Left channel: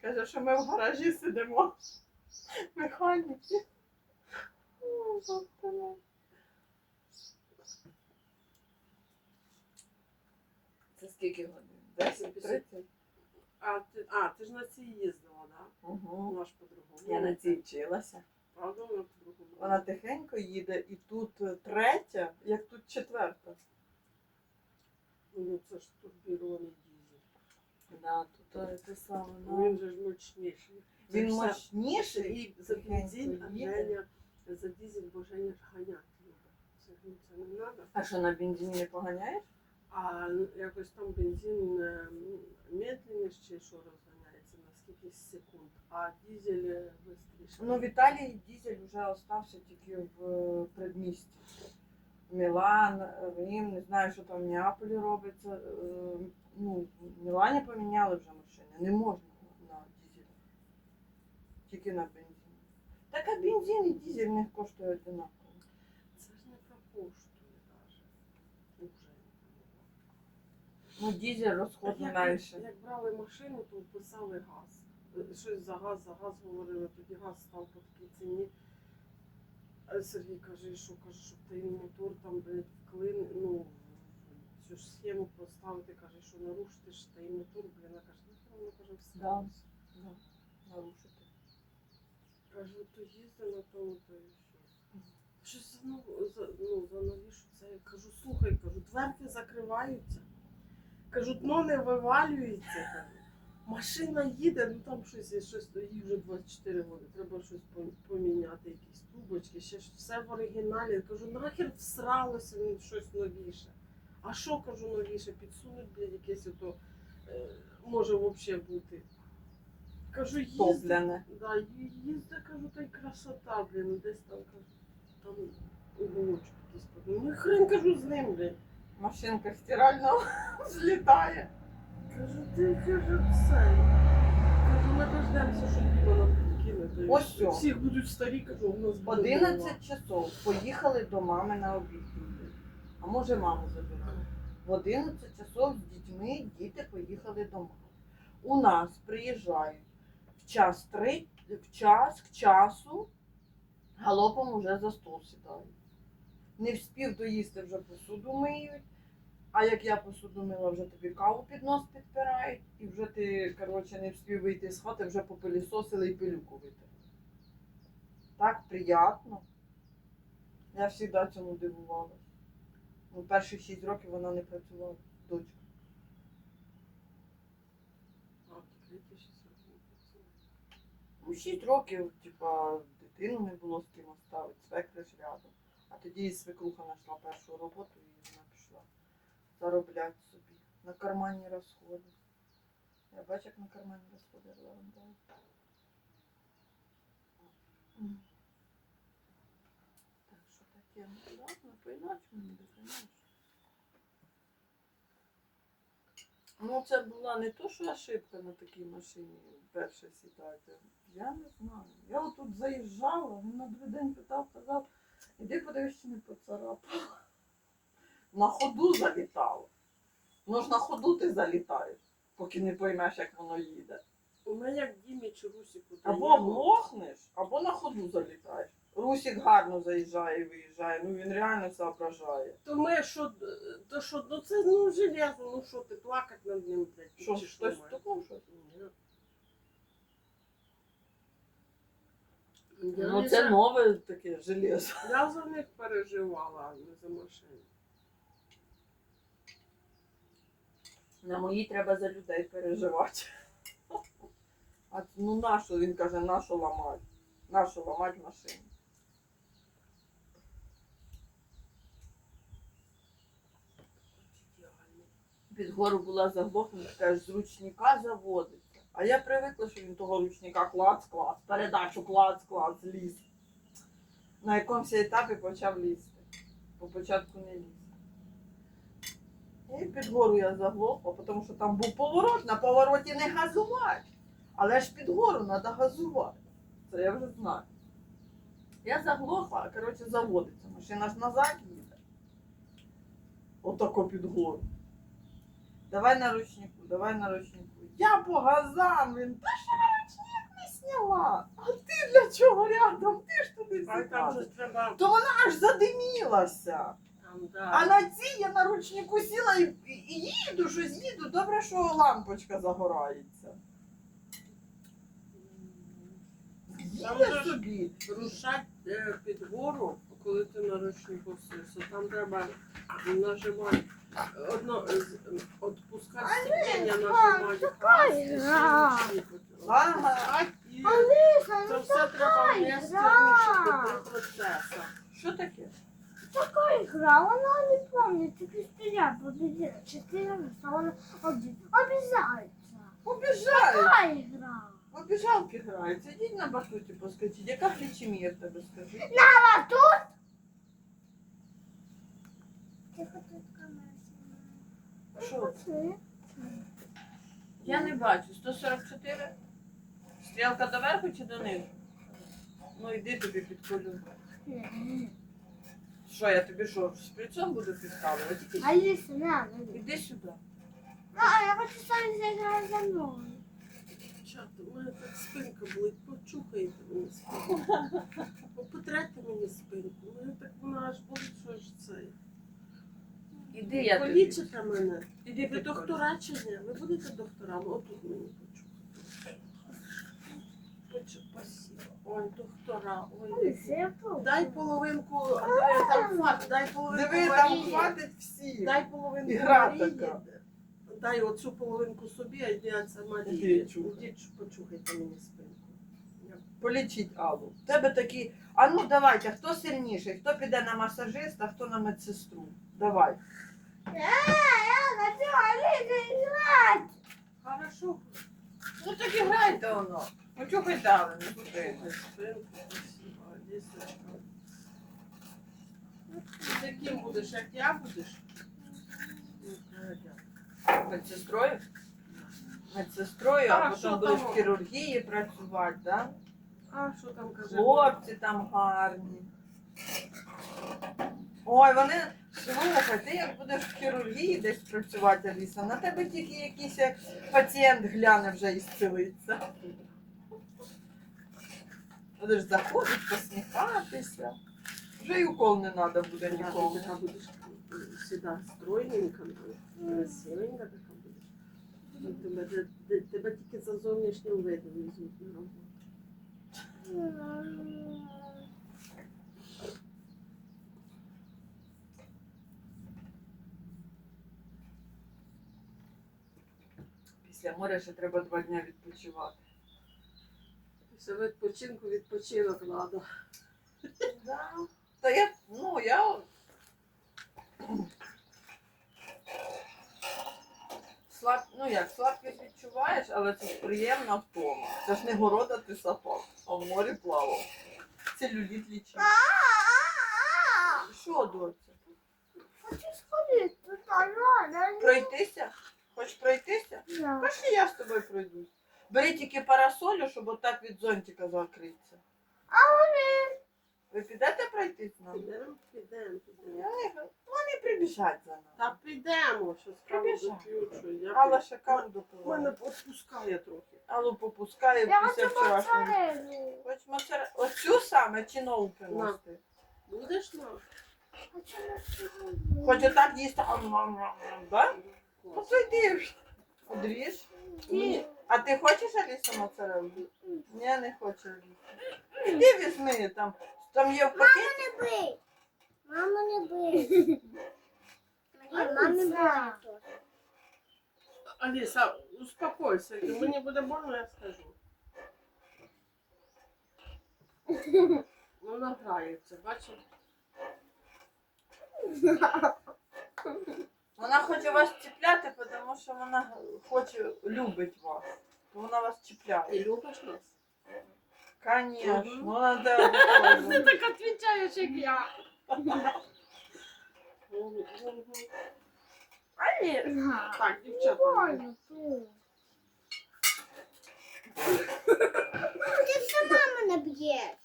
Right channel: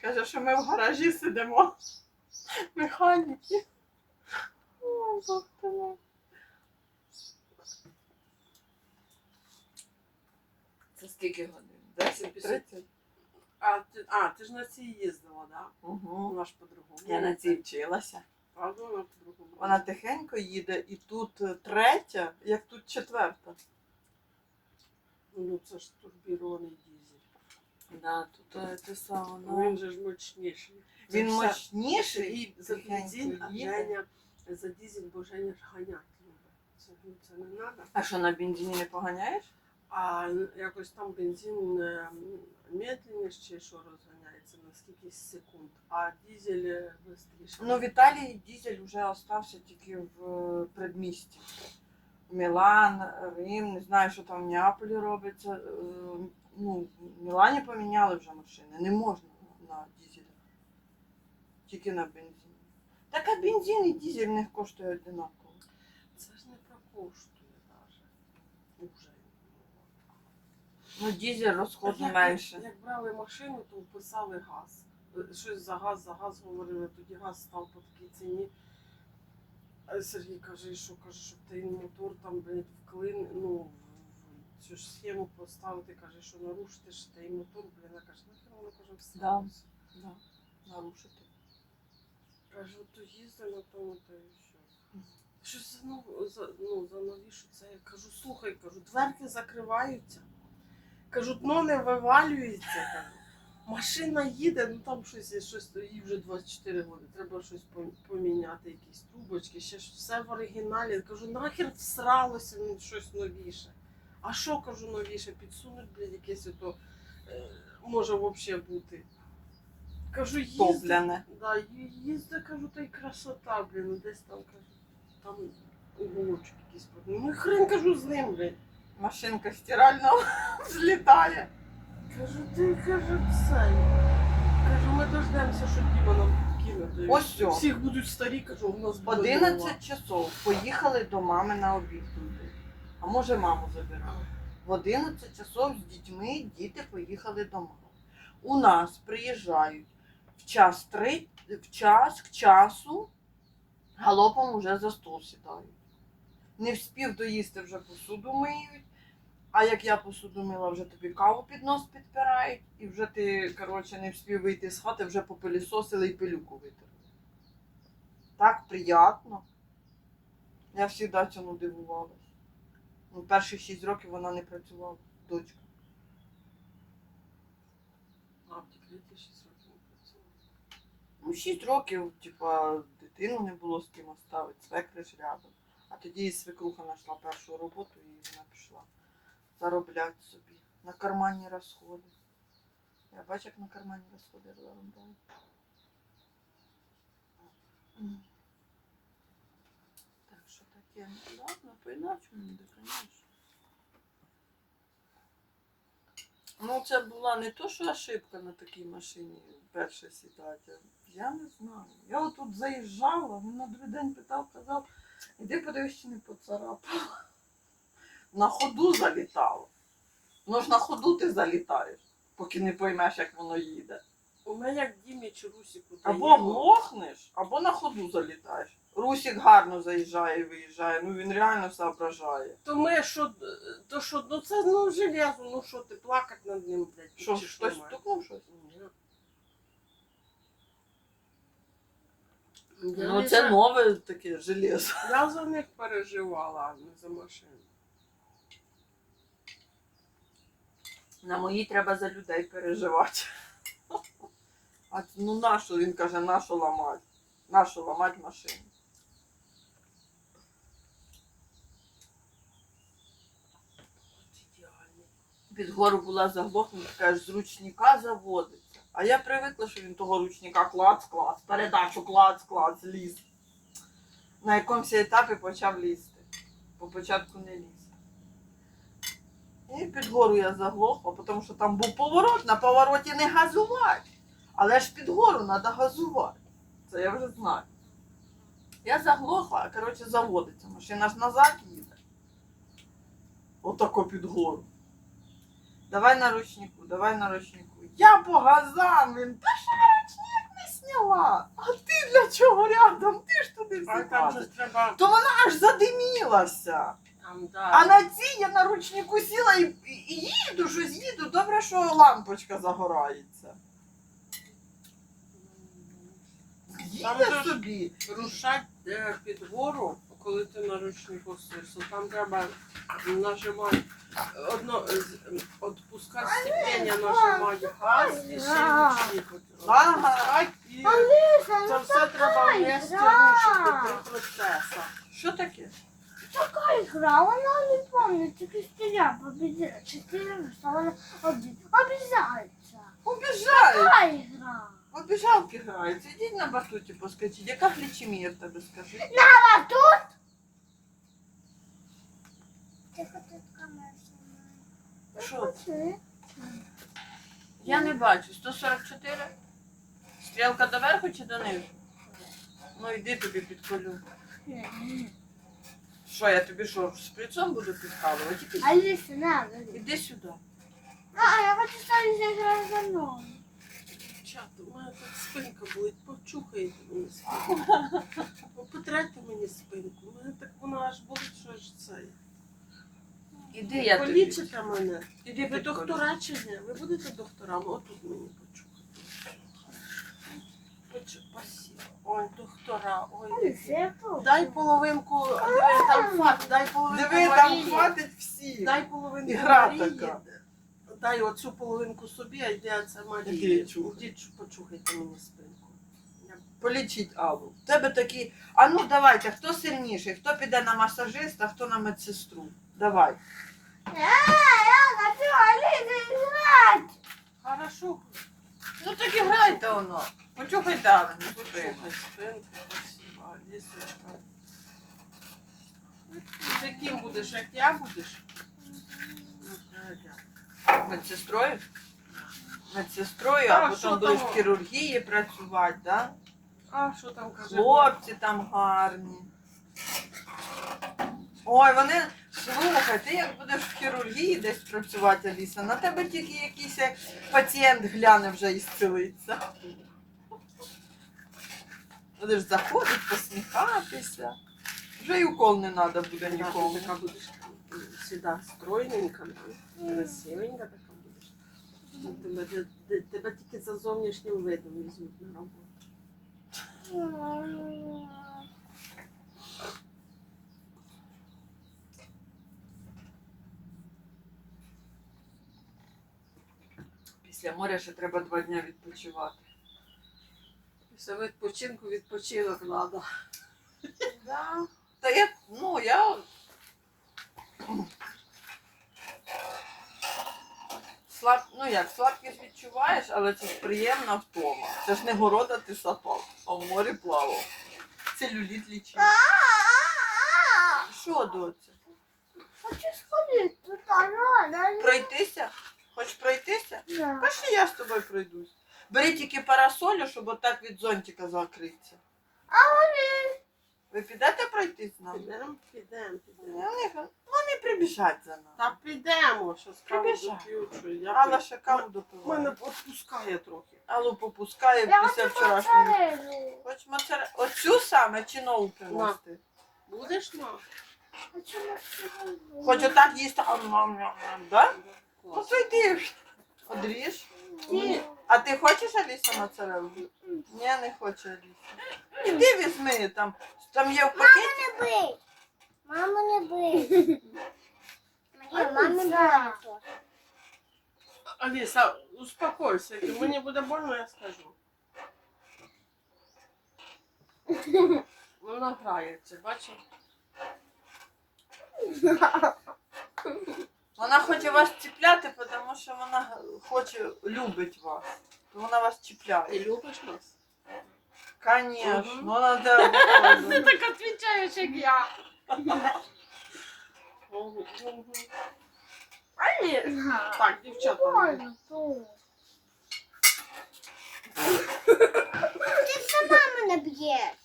Каже, що ми в гаражі сидимо. Механіки. Бог. Це скільки годин? 10 30 А ти, а, ти ж на цій їздила, да? Угу. Вона ж по-другому. Я на цій вчилася. Правда, вона по-другому. Вона тихенько їде, і тут е, третя, як тут четверта. Ну це ж турбірований дізель. Да, тут е, те саме. Ну, Він же ж мощніший. Він все- мощніший І за бензин, а. Женя за дізель, бо Женя ж ганять любить. Це, ну, це не треба. А що на бензині не поганяєш? А якось там бензин е, медленніше що розганяється на скільки секунд, а дізель швидше. Ну, в Італії дізель вже остався тільки в е, предмісті. Мілан, Рим, не знаю, що там в Неаполі робиться. Е, Ну, в Мілані поміняли вже машини. Не можна на дізелі. Тільки на бензині. Так а бензин і дізель в них коштує одинаково. Це ж не прокоштує навіть. Уже. Ну, дізель розходу як, менше. Як брали машину, то вписали газ. Е, Щось за газ, за газ говорили, тоді газ став по такій ціні. Сергій каже, що каже, щоб той мотор там блядь, вклин, ну, цю ж схему поставити, каже, що нарушити ж той мотор, блін, я каже, нахер воно каже, всталося. Да, нарушити. Каже, то їзди на тому, то і все. Щось за, нов- за, ну, за новішу це. Я кажу, слухай, кажу, дверки закриваються. Кажу, дно не вивалюється. Кажу. Машина їде, ну там щось є, щось їй вже 24 роки. Треба щось поміняти, якісь трубочки, ще ж все в оригіналі. Кажу, нахер всралося ну, щось новіше. А що кажу новіше? Підсунуть, блядь, якесь ото е, може взагалі бути. Кажу, їзди. Топляне. Да, ї- кажу, та й красота, блін, ну, десь там, кажу, там уголочок якийсь. под- Ну хрен кажу з ним, блін. Машинка стиральна злітає. Кажу, ти кажу, це. Кажу, ми дождемося, що Діма нам й Ось все. Всіх будуть старі, кажу, у нас буде 11 нова. часов поїхали до мами на обід. А може маму забирали. В 11 часов з дітьми діти поїхали до мами. У нас приїжджають в час три, в час к часу галопом уже за стол сідають. Не вспів доїсти вже посуду миють. А як я посуду мила, вже тобі каву під нос підпирають, і вже ти, коротше, не вспів вийти з хати, вже попилісосили і пилюку витерли. Так приємно. Я завжди цьому дивувалась. Ну, перші 6 років вона не працювала, дочка. А, в декреті 6 років не працювала. Ну, 6 років, типа, дитину не було з ким оставити, свекри ж рядом. А тоді свекруха знайшла першу роботу і вона пішла заробляти собі на карманні розходи. Я бачу, як на карманні розходи заробляю. Таке? Ладно, по-іначому буде, звісно. Ну, це була не то, що ошибка на такій машині перше сідати. Я не знаю. Я отут заїжджала, він на другий день питав, казав, іди подивись, чи не поцарапала. На ходу залітала. Ну ж на ходу ти залітаєш, поки не поймеш, як воно їде. У мене як Дімі чи Русіку. Або глохнеш, або на ходу залітаєш. Русік гарно заїжджає і виїжджає, ну він реально соображає. То ми що, то що, ну це ну железо, ну що ти плакати над ним, блядь, Що, чи хтось має? стукнув щось? Ні. Ну Я це за- нове таке железо. Я за них переживала, а не за машину. На моїй треба за людей переживати. А ну нащо він каже, нащо ламати? Нащо ламати машину? Під гору була заглохнута, каже, з ручника заводиться. А я привикла, що він того ручника клац-клац, передачу клац-клац, ліз. На якомусь етапі почав лізти. По початку не ліз. І під гору я заглохла, тому що там був поворот, на повороті не газувати. Але ж під гору треба газувати. Це я вже знаю. Я заглохла, а коротше заводиться. Машина ж назад їде. Отако під гору. Давай на ручнику, давай на ручнику. Я по газам, він. Та що ви сама. А ти для чого рядом? Ти ж туди А там же всі ж треба. То вона аж задимілася. Там, да. А на цій я на ручнику сіла і, і, і їду, щось їду. Добре, що лампочка загорається. Там Їде же ж- собі. Рушать е, під гору, коли ти на ручнику сишся, там треба нажимати одно з- відпускати сцеплення, нажимати газ і ще ручник. І це все треба вместе рушити три процеси. Що таке? такая игра, она не помнит, Кристина победила. Четыре, что она оби- обязательно. Убіжають. Такая игра. Обіжалки граються. Ідіть на батуті поскочіть. Яка глічемія в тебе скажи? А тут? Що. Я не бачу. 144? Стрілка доверху чи донизу? Ну йди тобі підколю. Що, я тобі що, з шприцом буду підкалувати? Іди, Алиса, на, іди сюди. А, я хочу, Алиса за мной. Чат, у мене так спинка болить, почухайте мені спинку. Потрете мені спинку. У мене так вона аж болить, що аж цей. Іди, я тобі. Полічите мене. Іди Ви доктора чи ні? Ви будете докторами? Отут мені почухати. Почу- Спасибо. Ой, доктора, ой. Алиса. Дай половинку, диви, там фат, дай половинку Диви, там Марії. хватить всі. Дай половинку Ігра Марії. така. Дай оцю половинку собі, а йди це Іди, Марії. Ідіть, почухайте мені спинку. Полічіть Аллу. В тебе такі. А ну давайте, хто сильніший? Хто піде на масажиста, хто на медсестру? Давай. Я хочу Алиса играть. Хорошо. Ну так і Аллу, не Почухай потрібно. спинку, спасибо, Алісочка. Ти ким будеш, як я будеш? Ну. Медсестрою? Медсестрою, а А, потім будеш в хірургії працювати, да? А що там каже? Хлопці там гарні. Ой, вони. Слухай, ти як будеш в хірургії десь працювати, Аліса, на тебе тільки якийсь як пацієнт гляне вже і зцілиться. Будеш заходити, посміхатися. Вже й укол не треба буде Ти нікому. така будеш сюди стройненька, красивенька така будеш. Ну, Тебе, те- те- тебе тільки за зовнішнім видом візьмуть на роботу. Після моря ще треба два дні відпочивати. Після відпочинку відпочинок треба. Да. Та я, ну, я. Слаб, ну як, слабкість відчуваєш, але це ж приємна втома. Це ж не города ти сапав, а в морі плавав. Целюліт лічив. Що, доця? Хочу сходить тут, Пройтися? Хочеш пройтися? Да. Пошли, я з тобою пройдусь. Бери тільки парасолю, щоб отак від зонтика закритися. А вони? Ви підете пройтись з нами? Підемо, підемо, підемо. Вони, вони прибіжать за нами. Та підемо, що скажу Прибіжай. доп'ю, що я Алла ще каву Мене допиває. відпускає трохи. Аллу попускає Я після хочу вчорашнього. моцареллу. Хоч моцаре... Оцю саме чи нову принести? Будеш? Хочу моцареллу. Хоч отак їсти, ам ам ам да? Ну Клас. то ж. Одріж. Ні. А ти хочеш Аліса моцарелу? Ні, не хочу Аліса. Іди візьми там. Там є в пакеті. Не бий. Маму не бий. Марія, мамі больно. Аліса, успокойся, як мені буде больно, я скажу. Вона грається, бачиш? Вона хоче вас чіпляти, тому що вона хоче, любить вас. То вона вас Ти чіпляє. любиш нас? Конечно, Мгм. вона де виходить. так відповідаєш, як я. Аліса. Так, дівчата. Больно тут. Ти сама мене б'єш.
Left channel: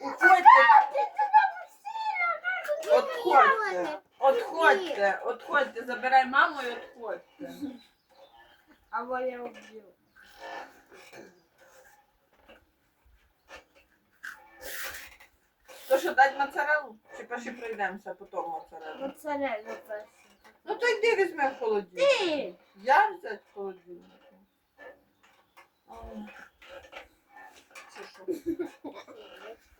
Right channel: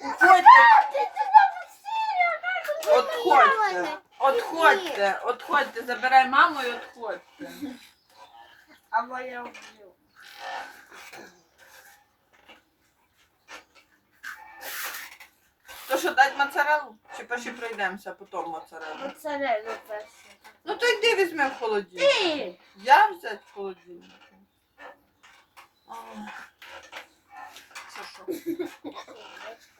Уходьте, Ти туди посіла, Отходьте. Отходьте, отходьте, забирай маму і отходьте. Або я вб'ю. То що, дать моцарелу? Чи перші пройдемося, а потім моцарелу? Моцарелу першу. Ну то йди візьми в холодильник. Ти! Я взять в холодильник. А. Що?